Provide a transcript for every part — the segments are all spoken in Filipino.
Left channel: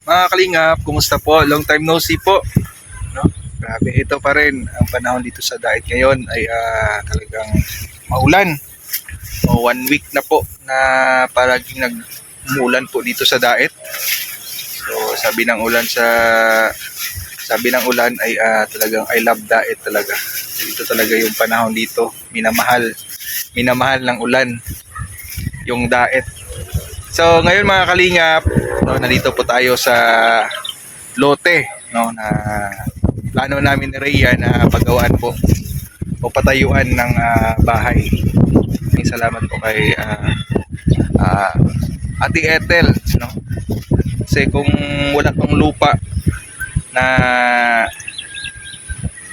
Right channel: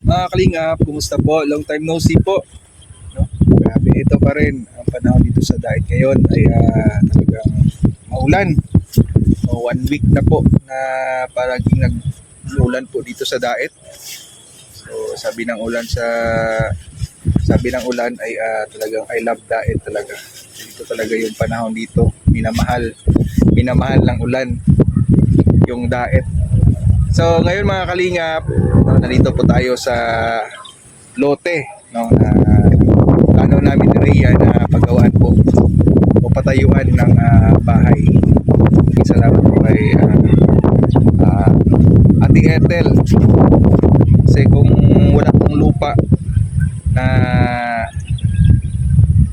Mga kalingap, kumusta po? Long time no see po. No? Grabe, ito pa rin. Ang panahon dito sa Daet ngayon ay talagang maulan. O 1 week na po na paraging nag-umulan po dito sa Daet. So sabi ng ulan ay talagang I love Daet talaga. Dito talaga yung panahon dito. Minamahal ng ulan yung Daet. So ngayon mga kalingap, no, nandito po tayo sa lote, no, na plano namin ni Rhea na paggawaan po o patayuan ng bahay. Salamat po kay Ate Ethel, no? Kasi kung wala pang lupa na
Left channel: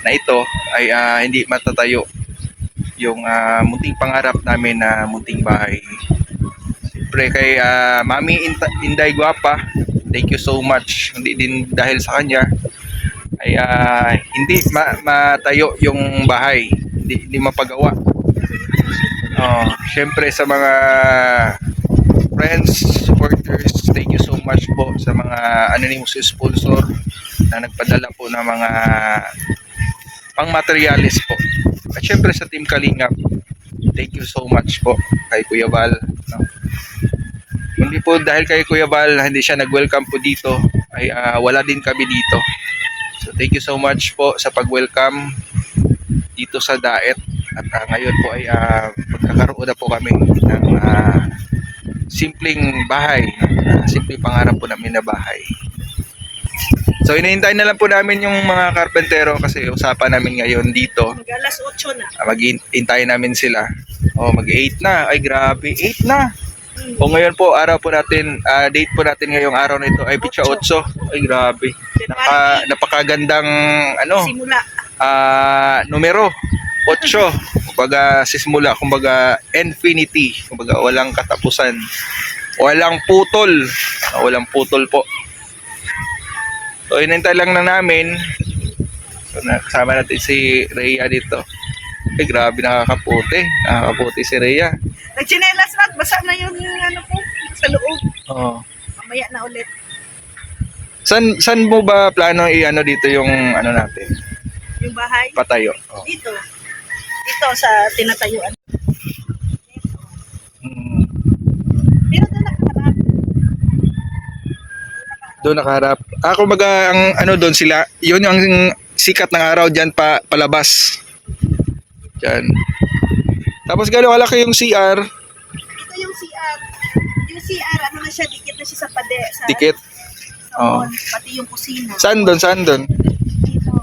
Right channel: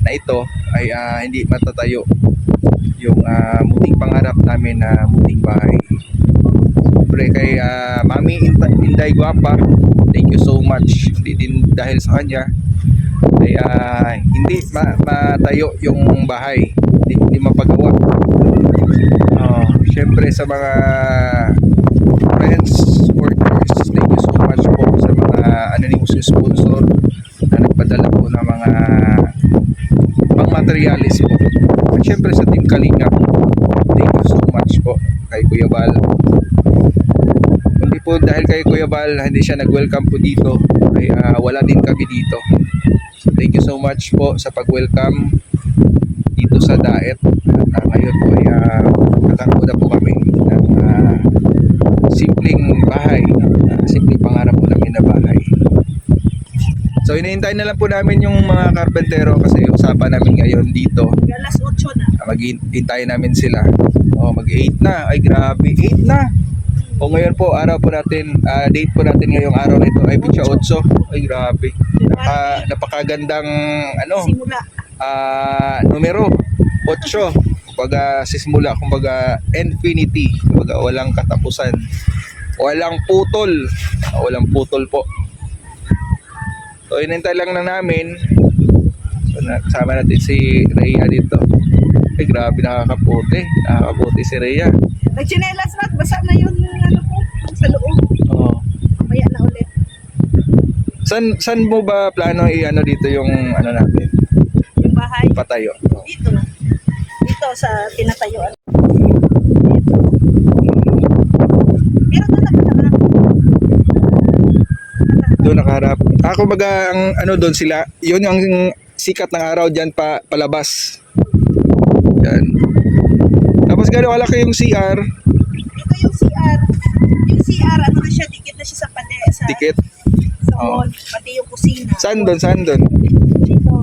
ito ay hindi matatayo yung munting pangarap namin na munting bahay. Siyempre kay Mami Inday Guapa, thank you so much. Hindi din dahil sa kanya ay hindi matayo yung bahay, hindi mapagawa. Siyempre sa mga friends, supporters, thank you so much po sa mga anonymous sponsor na nagpadala po ng mga pang materialis po. At siyempre sa Team Kalingap, thank you so much po kay Kuya Val. Hindi po dahil kay Kuya Val hindi siya nag-welcome po dito ay wala din kami dito. So thank you so much po sa pag-welcome dito sa Daet. At ngayon po ay kakaroon na po kami ng simpleng bahay, simpleng pangarap po namin na bahay. So hinihintay na lang po namin yung mga karpentero kasi usapan namin ngayon dito. Alas 8 na. Maghihintay namin sila. Mag-8 na. Ay grabe, 8 na. O ngayon po, araw po natin, date po natin ngayong araw na ito ay Pitsa 8. Ay grabe. Napakagandang Simula. numero 8. Kumbaga sisimula, kumbaga infinity, kumbaga walang katapusan. Walang putol. Walang putol po. So inintay lang na namin. So kasama natin si Rhea dito. Ay grabe, nakakaputi. Nakakaputi si Rhea. Nagchinelas na, basa na yung ko sa loob. Oo. Mamaya na ulit. San mo ba plano dito yung natin? Yung bahay. Patayo. Dito. Dito sa tinatayuan. Pero doon nakaharap. Doon nakaharap. Kumbaga ang doon sila, yun yung sikat ng araw diyan palabas. Diyan. Tapos gano'ng kalaki yung CR? Ito yung CR. Yung CR, na siya, dikit na siya sa sa Dikit? Sa wall, pati yung kusina. Saan doon? Dito.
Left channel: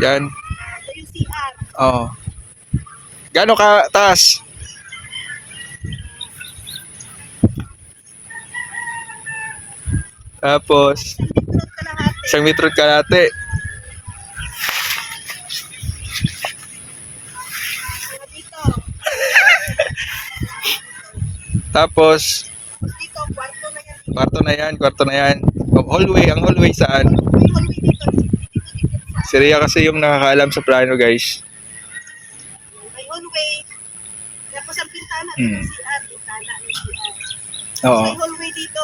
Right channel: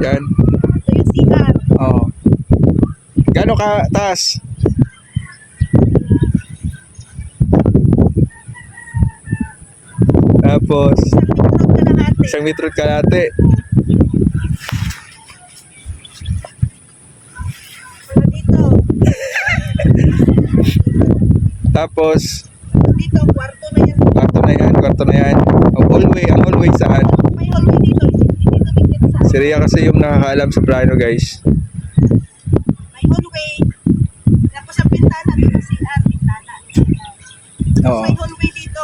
Yan. Ito yung CR. Oo. Gano'ng ka taas? Tapos, Isang metro kalahati. 1 metro kalahati. Dito. Tapos, Dito, kwarto na yan. kwarto na yan. Ang hallway saan? May hallway dito. Dito sa. Si Rhea kasi yung nakakaalam sa plano, guys. May hallway. Tapos ang pintana, dito CR, pintana. Oo. May hallway dito.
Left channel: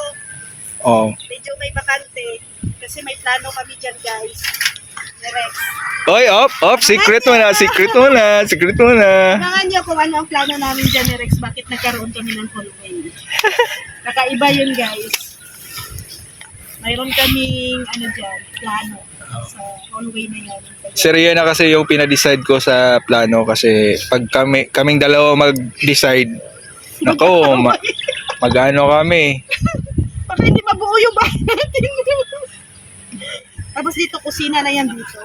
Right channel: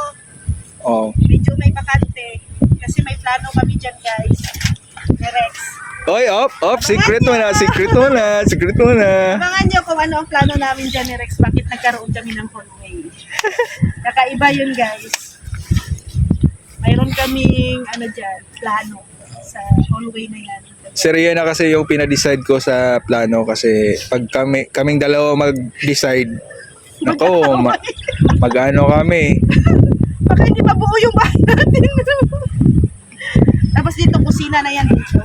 Oo. Medyo may bakante. Kasi may plano kami dyan, guys. Ni Rex. Oy, secret mo na. Abangan nyo kung ano ang plano namin dyan ni Rex. Bakit nagkaroon kami ng hallway. Kakaiba yun, guys. Mayroon kaming, dyan, plano sa hallway na yan. Si Rhea na kasi yung pinadecide ko sa plano kasi pag kaming dalawa mag-decide, nako, mag-ano kami. Baka hindi pa buo yung bahay natin. Tapos dito, kusina na yan dito.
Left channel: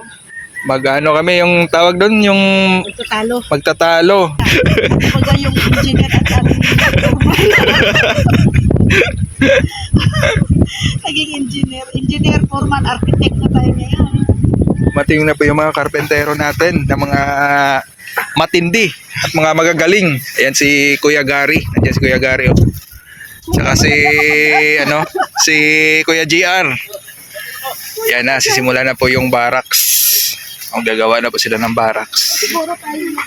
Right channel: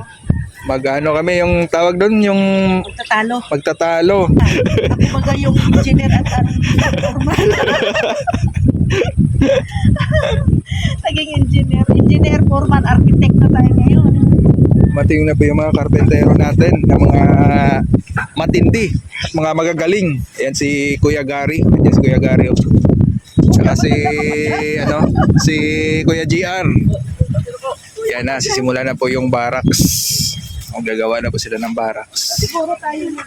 Mag-ano kami yung tawag doon, yung Magtatalo. magtatalo. Kumbaga yung engineer at aming naging engineer, foreman, architect na tayo ngayon. Mating na po yung mga karpentero natin, na mga matindi at mga magagaling. Ayan si Kuya Gary. Nandiyan si Kuya Gary. Tsaka si Kuya GR. Yan na, sisimula na po yung barracks. Ang gagawa na po sila ng barracks. Siguro tayo na.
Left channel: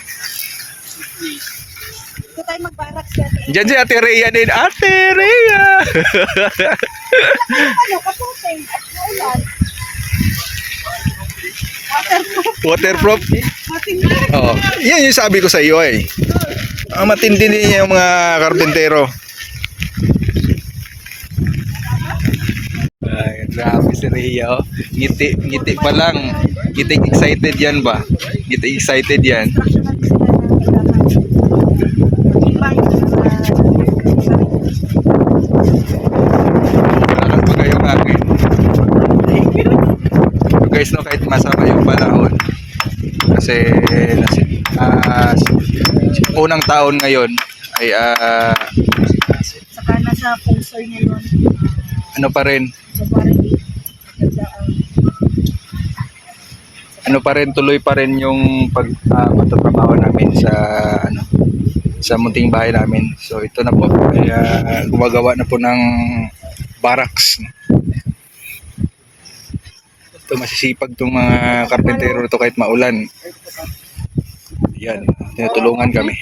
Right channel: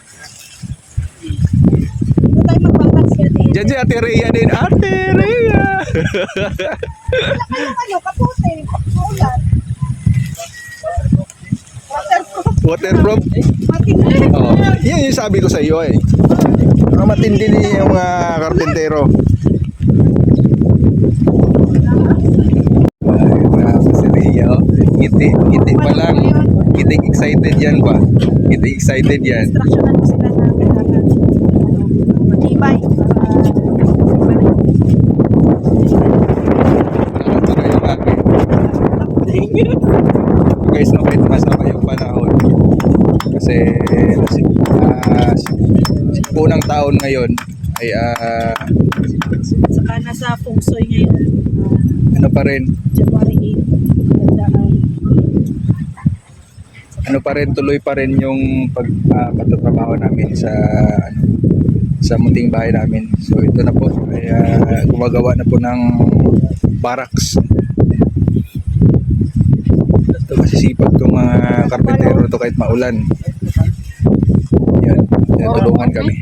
Diyan si Ate Rhea din. Ate Rhea! Ano, kaputi. Maulan. Waterproof. Waterproof. Matindi. Oo. Yan yung sabi ko sa iyo eh. Ang matindi din yung mga karpentero. Ay, grabe si Rhea. Oh. Ngiti, ngiti pa lang. Ngiti excited yan ba? Ngiti excited yan. Lakas pa kayong akin. So guys, no, kahit masama yung panahon. Kasi unang taon ngayon ay Saka nasa Pungsoy ngayon. ano pa rin, January 8. Ganda ang ano pa rin, tuloy pa rin yung pagtatrabaho namin sa sa munting bahay namin. So ito na po ay gumagawa na po ng barracks. Ito masisipag itong mga karpentero ito kahit maulan. Yan, tinutulungan kami.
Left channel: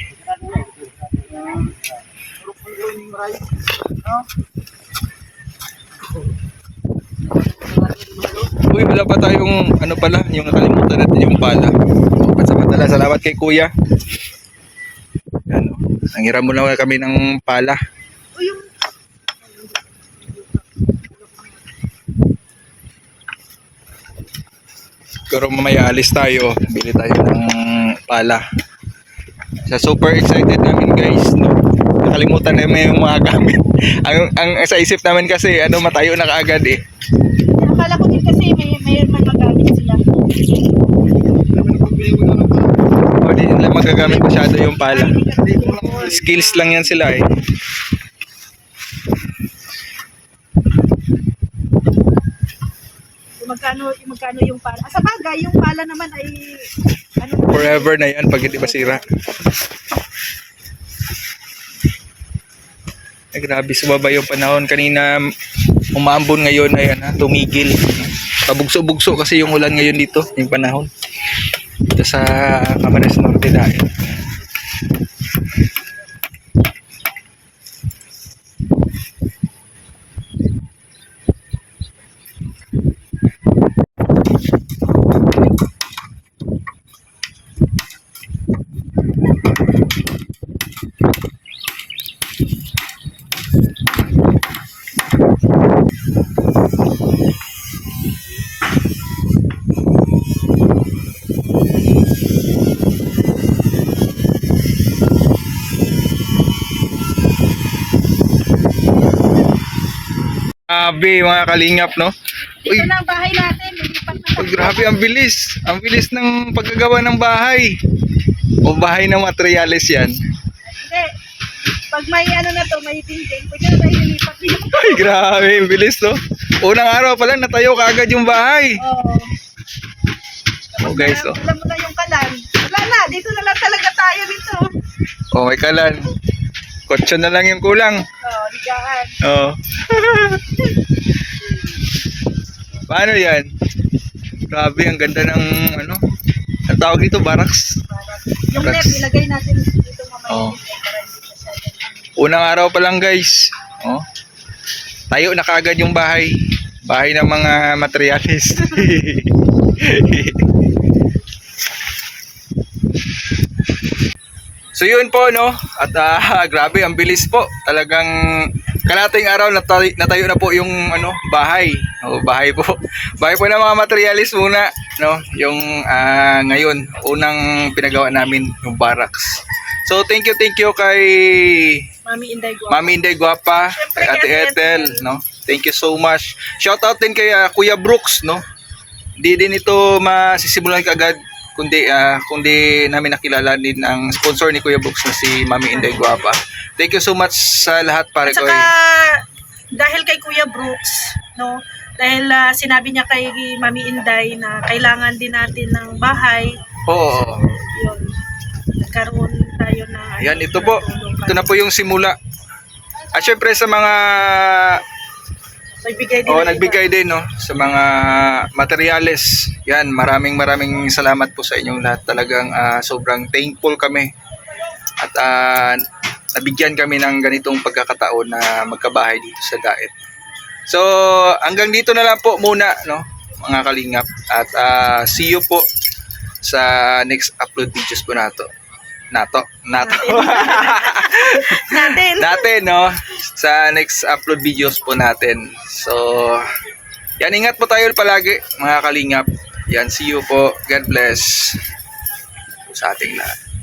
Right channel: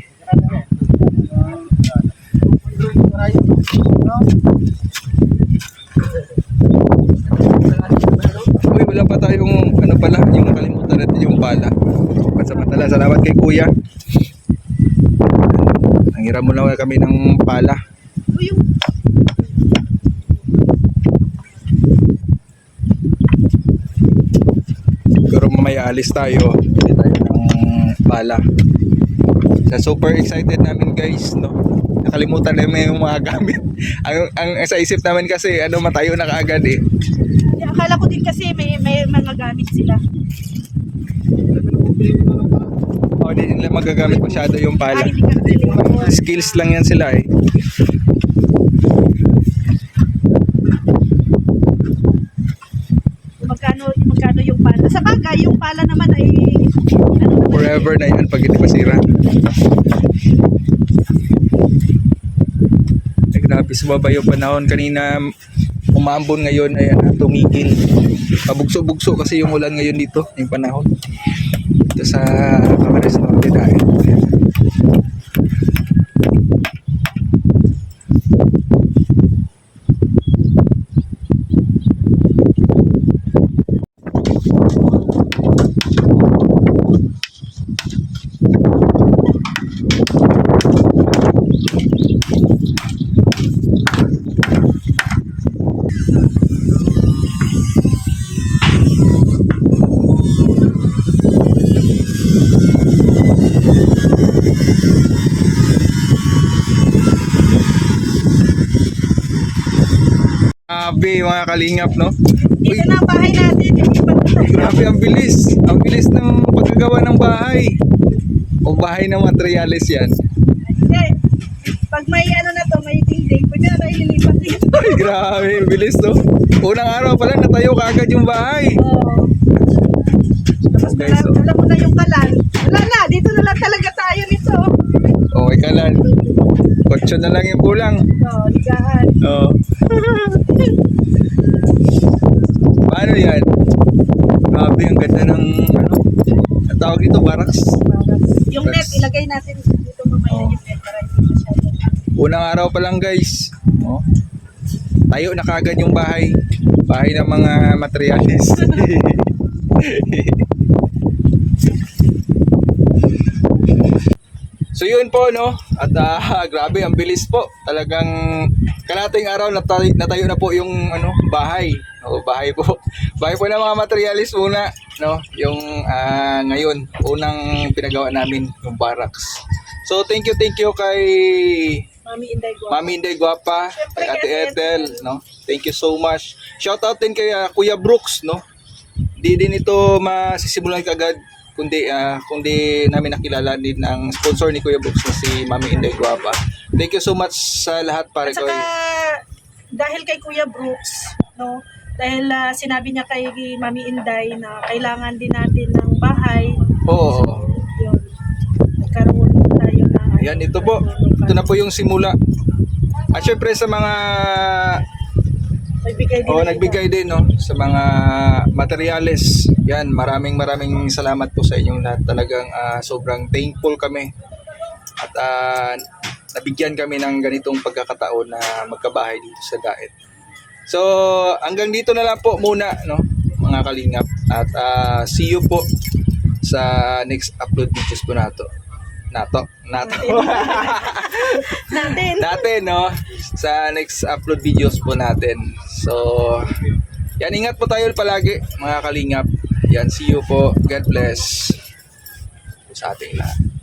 Uy, wala pa tayong ano pala, yung nakalimutan natin yung pala. So, pansamantala, salamat kay Kuya. Yan, nanghiram mo na kami ng pala. Uy, yung Siguro mamaya alis tayo, bili tayo ng pala. Super excited namin guys, no? Nakalimutan namin yung mga gamit. ang sa isip namin kasi matayo na kaagad eh. akala ko din kasi may mga gamit sila. O di nila magagamit masyado yung pala. Skills lang yan sila eh. Magkano yung pala? Sa bagay, yung pala naman ay Forever na yan pag hindi masira. Ay, grabe, sumaba yung panahon. Kanina umambon, ngayon ay tumigil. Pabugso-bugso kasi yung ulan ngayon dito, yung panahon. Dito sa Camarines Norte dahil. Grabe mga kalingap, no? Uy, ito na ang bahay natin. grabe, ang bilis. Ang bilis ng paggagawa ng bahay. O bahay ng materyales yan. Hindi. Pag may ano na to, may building, pwede na tayo nilipat dito. Ay, grabe, ang bilis, no? Unang araw pa lang, natayo kaagad yung bahay. Oo. Tapos Oh, guys, wala mo na yung kalan. Wala na, dito na lang talaga tayo nito. Okay ka lang. Kotse na lang yung kulang. Oo, ligahan. Oo. Paano yan? Grabe, ang ganda ng ang tawag dito, barracks. Yung net, ilagay natin dito mamaya. Oo. Unang araw pa lang guys. Oh. Tayo na kagad yung bahay. Bahay ng mga materyales. So yun po, no? At grabe, ang bilis po. Talagang kalating araw natayo na po yung bahay. O, bahay po. Bahay po ng mga materialis muna, no? Yung ngayon, unang pinagawa namin yung barracks. So thank you kay Mami Inday Guapa. Mami Inday Guapa, Siyempre, kay Ate kay Ate Ethel, no? Thank you so much. Shout out din kay Kuya Brooks, no? Di din ito masisimulan kagad kundi namin nakilala din ang sponsor ni Kuya Brooks na si Mami Inday Guapa. Thank you so much sa lahat, pare At ko. saka, dahil kay Kuya Brooks, no? Dahil sinabi niya kay Mami Inday na kailangan din natin ng bahay. Oo. Yun. Nagkaroon tayo na Yan, ito po. Ito na po yung simula. At syempre sa mga nagbigay din, no, sa mga materyales. Yan, maraming salamat po sa inyong lahat. Talagang sobrang thankful kami. At nabigyan kami ng ganitong pagkakataon na magkabahay dito sa Daet. So, hanggang dito na lang po muna, no, mga kalingap. At see you po sa next upload videos po natin, no, sa next upload videos po natin. So, yan, ingat po tayo palagi, mga kalingap. Yan, see you po. God bless sa ating lahat.